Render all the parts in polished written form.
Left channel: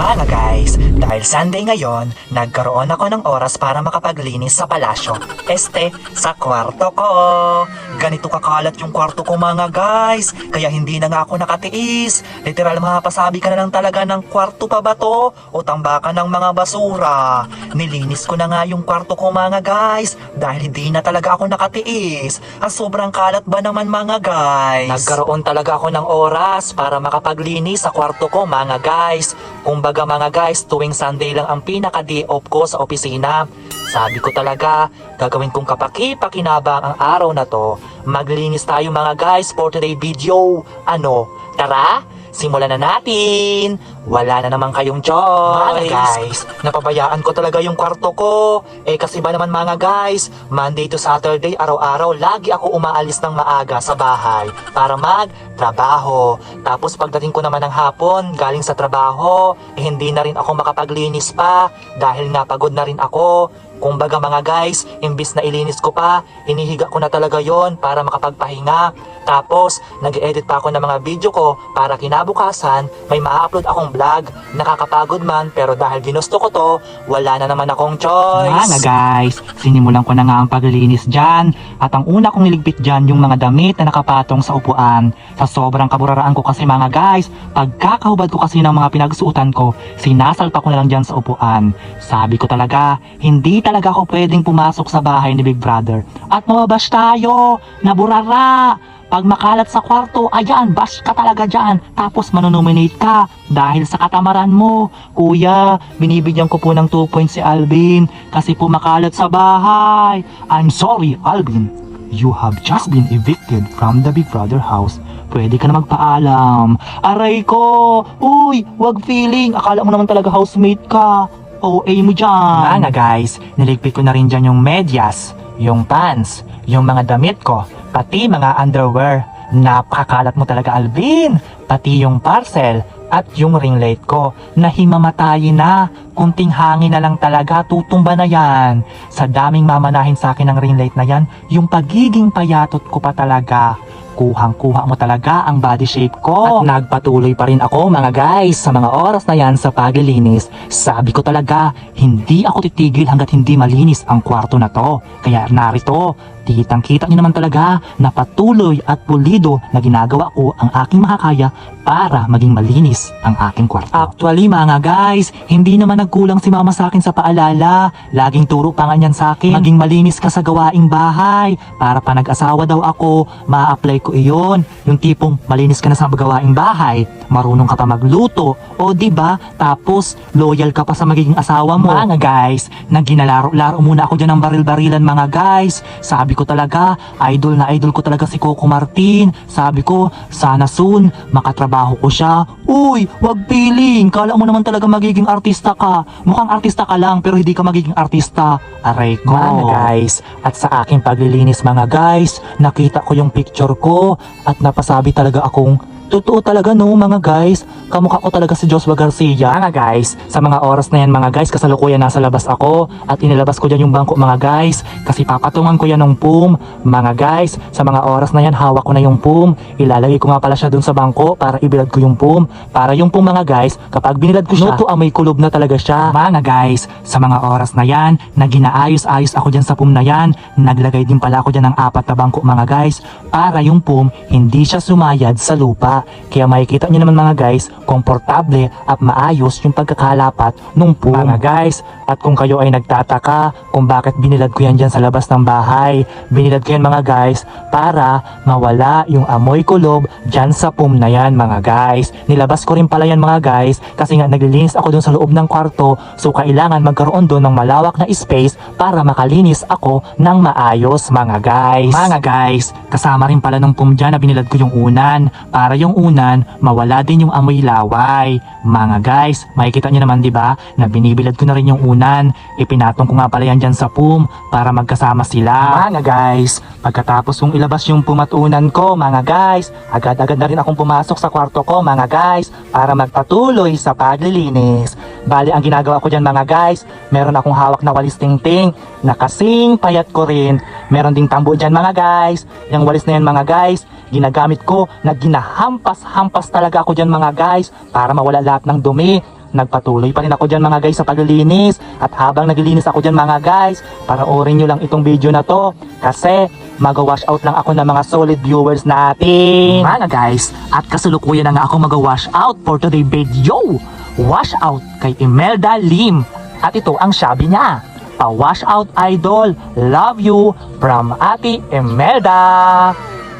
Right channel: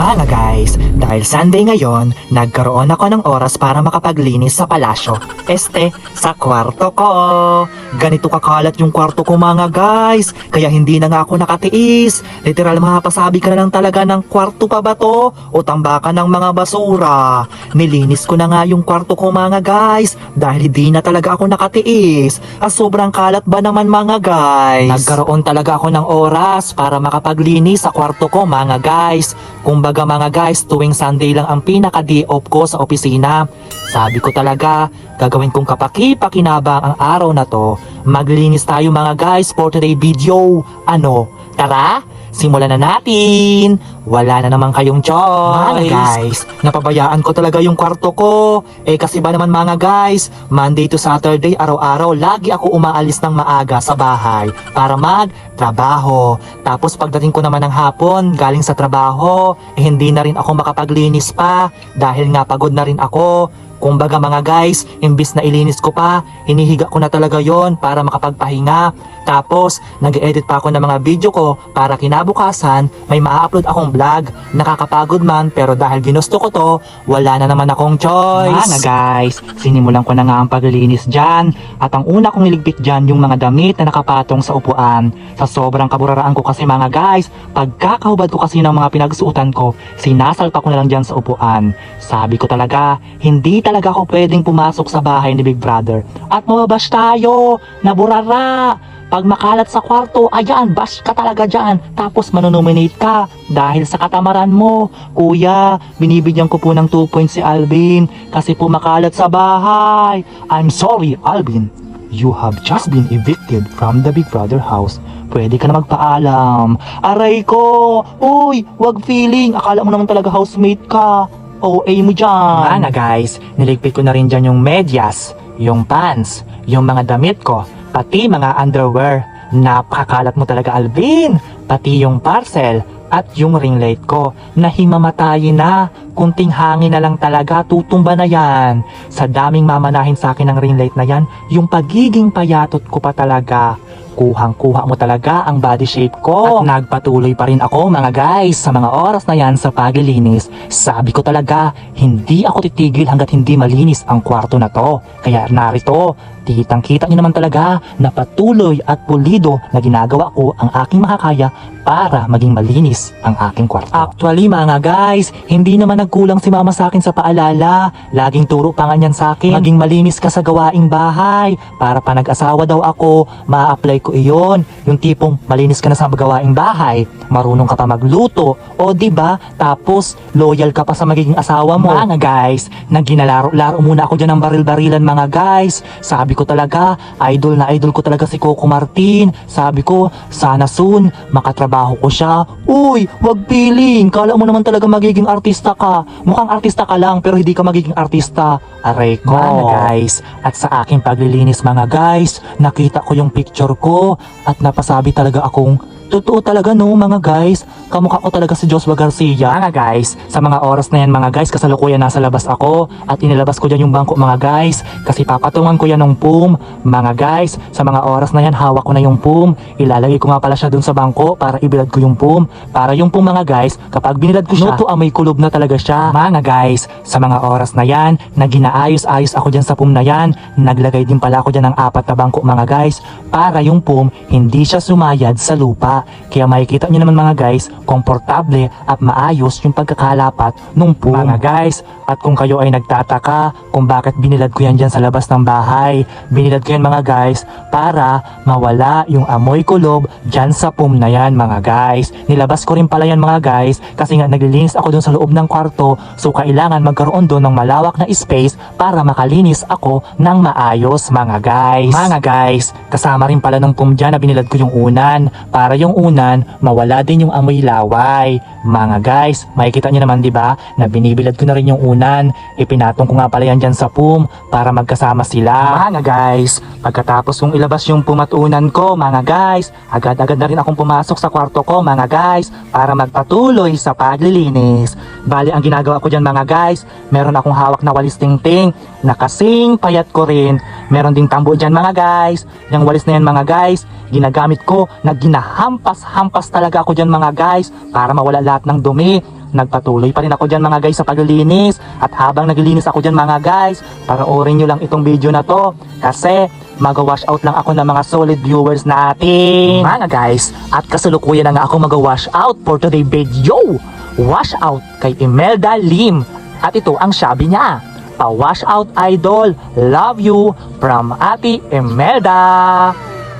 Mga guys, dahil Sunday ngayon, nagkaroon ako ng oras para makapaglinis sa palasyo. Sa kwarto ko. Ganito kakalat yung kwarto ko mga guys, kaya hindi na nga ako nakatiis. Literal mapasabi ka na lang talaga ng kwarto pa ba to o tambakan ng mga basura. Nilinis ko na nga yung kwarto ko mga guys, dahil hindi na talaga ako nakatiis. Sobrang kalat ba naman mga guys? Nagkaroon talaga ako ng oras para makapaglinis sa kwarto ko mga guys. Kumbaga mga guys, tuwing Sunday lang ang pinaka-day off ko sa opisina. Sabi ko talaga, gagawin kong kapaki-pakinabang ang araw na to. Maglinis tayo mga guys for today video. Ano? Tara? Simulan na natin. Wala na naman kayong choice. Mga guys, napabayaan ko talaga yung kwarto ko. Kasi ba naman mga guys, Monday to Saturday, araw-araw, lagi ako umaalis ng maaga sa bahay para magtrabaho. Tapos pagdating ko naman ng hapon, galing sa trabaho, hindi na rin ako makapaglinis pa dahil nga pagod na rin ako. Kumbaga mga guys, imbis na ilinis ko pa, hinihiga ko na talaga yon para makapagpahinga. Tapos, nag-edit pa ako ng mga video ko para kinabukasan may ma-upload akong vlog. Nakakapagod man, pero dahil ginusto ko to, wala na naman akong choice. Mga guys, sinimulan ko na nga ang paglilinis dyan. At ang una kong niligpit dyan yung mga damit na nakapatong sa upuan. Sa sobrang kaburaraan ko kasi mga guys, pagkakahubad ko kasi ng mga pinagsuotan ko, sinasalta ko na lang dyan sa upuan. Sabi ko talaga, hindi talaga ako pwedeng pumasok sa bahay ni Big Brother at mababash tayo, naburara. Pag makalat sa kwarto, ayan, bash ka talaga dyan. Tapos manonominate ka dahil sa katamaran mo. Kuya, binibigyan ko po ng 2 points si Alvin kasi po makalat sa bahay. I'm sorry, Alvin. You have just been evicted from the Big Brother house. Pwede ka na magpaalam. Aray ko! Uy, wag feeling. Akala mo naman talaga housemate ka. OA mo dyan. Mana guys, niligpit ko na rin dyan yung medyas, yung pants, yung mga damit ko, pati mga underwear. Napakalat mo talaga Alvin. Pati yung parcel at yung ring light ko. Nahimamatayin na. Kunting hangin na lang talaga, tutumba na yan. Sa daming mamanahin sa akin ng ring light na yan, yung pagiging payatot ko pa talaga. Kuhang-kuha mo talaga ang body shape ko. At nagpatuloy pa rin ako mga guys sa mga oras na yan sa paglilinis. Sabi ko talaga, hindi ako titigil hanggat hindi malinis ang kwarto na to. Kaya narito, kitang-kita nyo naman talaga na patuloy at pulido na ginagawa ko ang aking makakaya para maging malinis ang aking kwarto. Actually mga guys, hindi naman nagkulang si mama sa akin sa paalala. Laging turo pa nga niyan sa akin, maging malinis ka sa gawaing bahay. Para pa nag-asawa daw ako, ma-apply ko iyon. Yung tipong malinis ka na sa gawaing bahay, marunong ka pa magluto, o diba? Tapos loyal ka pa sa magiging asawa mo. Mga guys, nagginalaro-laro muna ako dyan ng baril-barilan mga guys. Sabi ko talaga, idol na idol ko talaga si Coco Martin. Sabi ko, sana soon makatrabaho ko siya. Uy, wag feeling. Kala mo naman talaga magiging artista ka. Mukhang artista ka lang pero hindi ka magiging artista. Aray ko. Mga guys, at sa aking paglilinis mga guys, nakita ko yung picture ko at napasabi talaga akong totoo talaga no mga guys, kamukha ko talaga si Joshua Garcia. Mga guys, sa mga oras na yan mga guys, kasalukuyan nasa labas ako at inilabas ko dyan yung bangko mga guys kasi papatungan ko yan ng PUM. Mga guys, sa mga oras na yan hawak ko na yung PUM, ilalagay ko nga pala siya dun sa bangko para ibilad ko yung PUM. Para yung PUM mga guys, kapag binilad ko siya, no to amoy kulob na talaga siya. Mga guys, sa mga oras na yan, na ginaayos-ayos ako dyan sa PUM na yan, naglagay din pala ako dyan ng 4 na bangko mga guys para yung PUM hindi siya sumayad sa lupa. Kaya makikita nyo naman mga guys, komportable at maayos yung pagkakalapat nung PUM. Mga guys, at kung kayo ay nagtataka kung bakit binilad ko yan dyan sa labas ng bahay, binilad ko yan mga guys para mawala yung amoy kulob dyan sa PUM na yan mga guys. Nilabas ko rin pala yan mga guys kasi nga naglilinis ako dun sa loob ng kwarto, so kailangan magkaroon dun ng malawak na space para makalinis ako ng maayos mga guys. Mga guys, kasama rin pala ng PUM dyan na binilad ko yung unan para yung unan mawala din yung amoy laway. Mga guys, makikita nyo naman diba na binibilad ko na rin yung unan. Ipinatong ko nga pala yan dyan sa PUM para magkasama sila. Mga guys, pagkatapos kong ilabas yung PUM at unan ko mga guys, agad-agad na rin akong pumasok sa kwarto ko mga guys para magpatuloy sa paglilinis. Bali ang ginagawa ko dyan mga guys, meron akong hawak na walis tingting na kasing payat ko rin. Meron ding tambo dyan mga guys. Yung walis na yan mga guys, ginagamit ko na ginahampas-hampas talaga ako dyan mga guys para mawala lahat ng dumi. nagpatuloy pa rin ako dyan mga guys sa paglilinis. At habang naglilinis ako dyan mga guys, panoorin nyo lang itong video na to kasi mag-wash out lang ako ng mga solid viewers natin mga guys. At kasalukuyan na nga ako mag-wash out for today video. Wash out kay Imelda Lim. At ito ang sabi niya, pa-wash out idol, love you from Ate Imelda.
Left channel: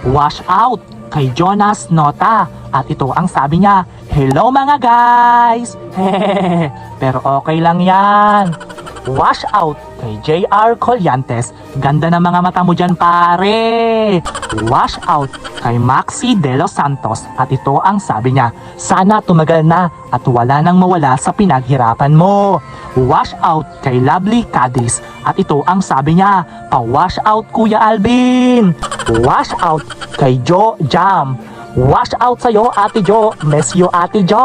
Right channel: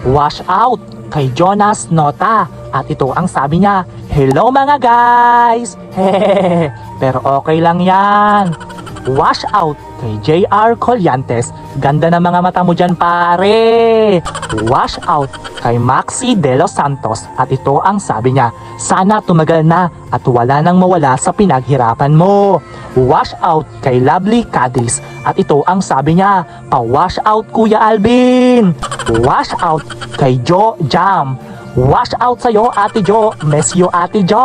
Wash out kay Jonas Nota. At ito ang sabi niya, hello mga guys. Pero okay lang yan. Wash out kay JR Colyantes. Ganda ng mga mata mo dyan pare. Wash out kay Maxi De Los Santos. At ito ang sabi niya, sana tumagal na at wala nang mawala sa pinaghirapan mo. Wash out kay Lovely Cadiz. At ito ang sabi niya, pa-wash out Kuya Alvin. Wash out kay Jo Jam. Wash out sa'yo Ate Jo. Miss you Ate Jo.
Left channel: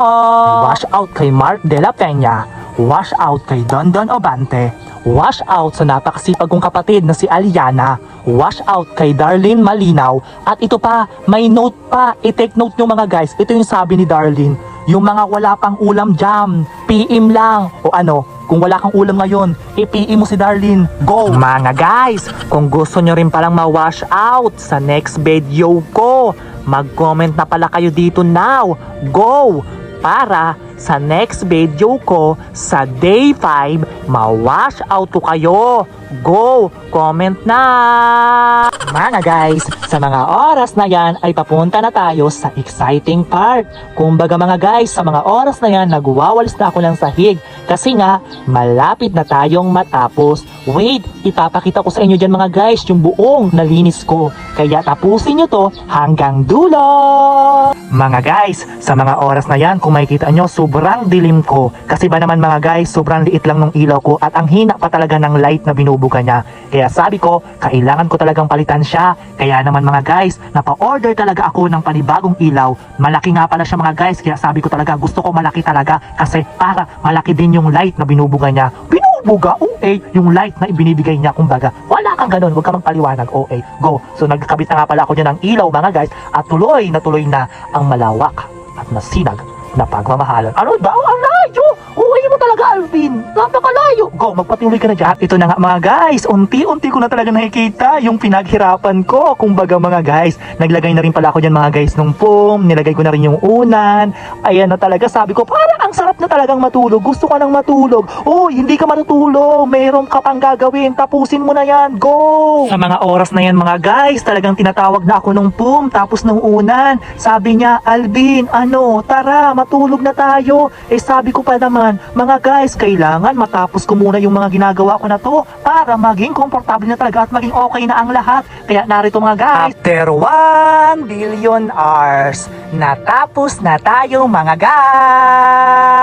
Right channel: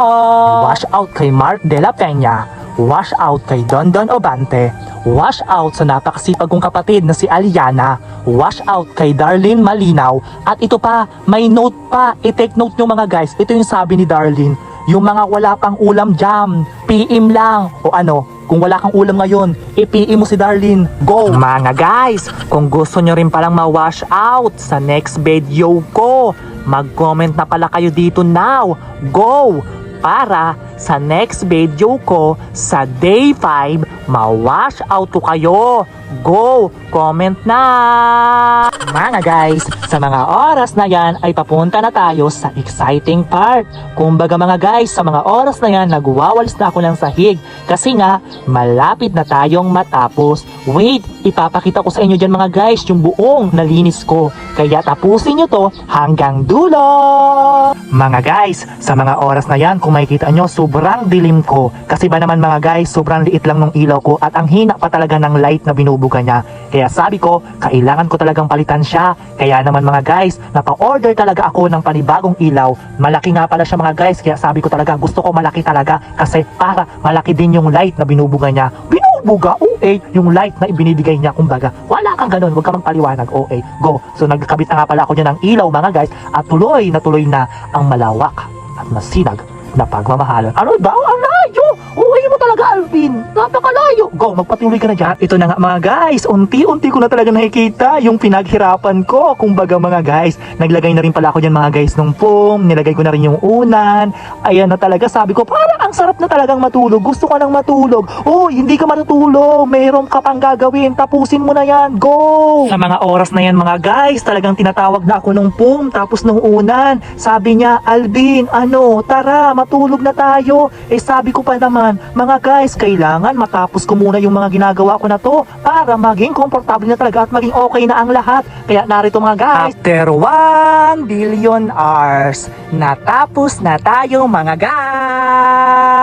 Wash out kay Mark De La Peña. Wash out kay Don Don Obante. Wash out sa napakasipag kong kapatid na si Aliana. Wash out kay Darlene Malinaw. At ito pa, may note pa. I-take note nyo mga guys. Ito yung sabi ni Darlene. Yung mga wala pang ulam jam, PM lang. O ano, kung wala kang ulam ngayon, i-PM mo si Darlene. Go! Mga guys, kung gusto nyo rin palang ma-wash out sa next video ko, mag-comment na pala kayo dito now. Go! Para sa next video ko sa day 5, ma-wash out ko kayo. Go! Comment na! Mga guys, sa mga oras na yan ay papunta na tayo sa exciting part. Kumbaga mga guys, sa mga oras na yan, nagwawalis na ako ng sahig. Kasi nga, malapit na tayong matapos. Wait, ipapakita ko sa inyo dyan mga guys, yung buong nalinis ko. Kaya tapusin nyo to hanggang dulo! Mga guys, sa mga oras na yan, kung makikita nyo, sobrang dilim ko. Kasi ba naman mga guys, sobrang liit lang ng ilaw ko at ang hina pa talaga ng light na binubuga niya. Kaya sabi ko, kailangan ko talagang palitan siya. Kaya naman mga guys, napa-order talaga ako ng panibagong ilaw. Malaki nga pala siya mga guys, kaya sabi ko talaga, gusto ko malaki talaga. Kasi para malaki din yung light na binubuga niya. Binubuga, okay, yung light na ibinibigay niya, kumbaga. Wala kang ganun, huwag kang paliwanag, okay, go. So nagkabit na nga pala ako dyan ng ilaw mga guys, at tuloy na ang malawak at masinag na pagmamahalan. Ano daw? Ang layo! Okay mo talaga, Alvin. Napakalayo. Go, magpatuloy ka na dyan. At ito na nga mga guys, unti-unti ko na talaga nakikita yung pinaghirapan ko. Kumbaga mga guys, naglagay na rin pala ako dyan mga guys ng foam. Nilagay ko na rin yung unan. Ayan na talaga, sabi ko, parang ang sarap na talagang matulog. Gusto ko nang matulog. Oh, hindi ka matutulog. Meron ka pang gagawin. Tapusin mo na yan. Go! Sa mga oras na yan mga guys, talagang tinatawag na ako ng foam. Tapos ng unan. Sabi niya, Alvin, ano, tara, matulog na tayo. Eh sabi ko pa naman, mga guys, kailangan matapos ko muna yung mga ginagawa ko na to para maging komportable na talaga at maging okay na ang lahat. Kaya narito mga guys, after 1 billion hours, natapos na tayo mga guys.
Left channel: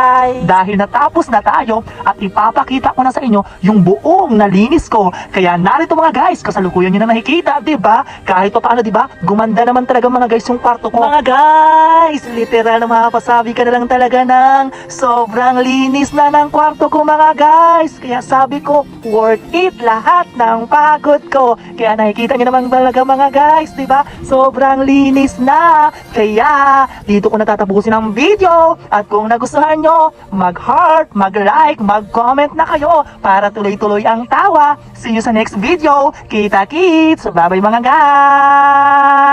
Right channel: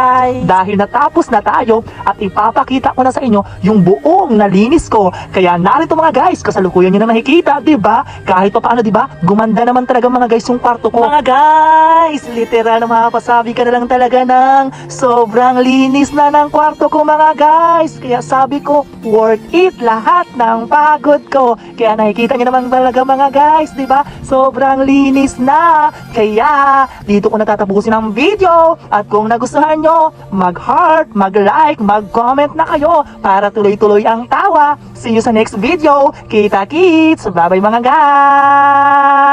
Dahil natapos na tayo at ipapakita ko na sa inyo yung buong nalinis ko. Kaya narito mga guys, kasalukuyan nyo na nakikita, diba? Kahit pa paano, diba? Gumanda naman talaga mga guys yung kwarto ko. Mga guys, literal na makapasabi ka na lang talaga ng sobrang linis na ng kwarto ko mga guys. Kaya sabi ko, worth it lahat ng pagod ko. Kaya nakikita nyo naman talaga mga guys, diba? Sobrang linis na. Kaya dito ko natatapusin ang video. At kung nagustuhan nyo, mag-heart, mag-like, mag-comment na kayo para tuloy-tuloy ang tawa. See you sa next video. Kita-kits! Bye-bye mga guys!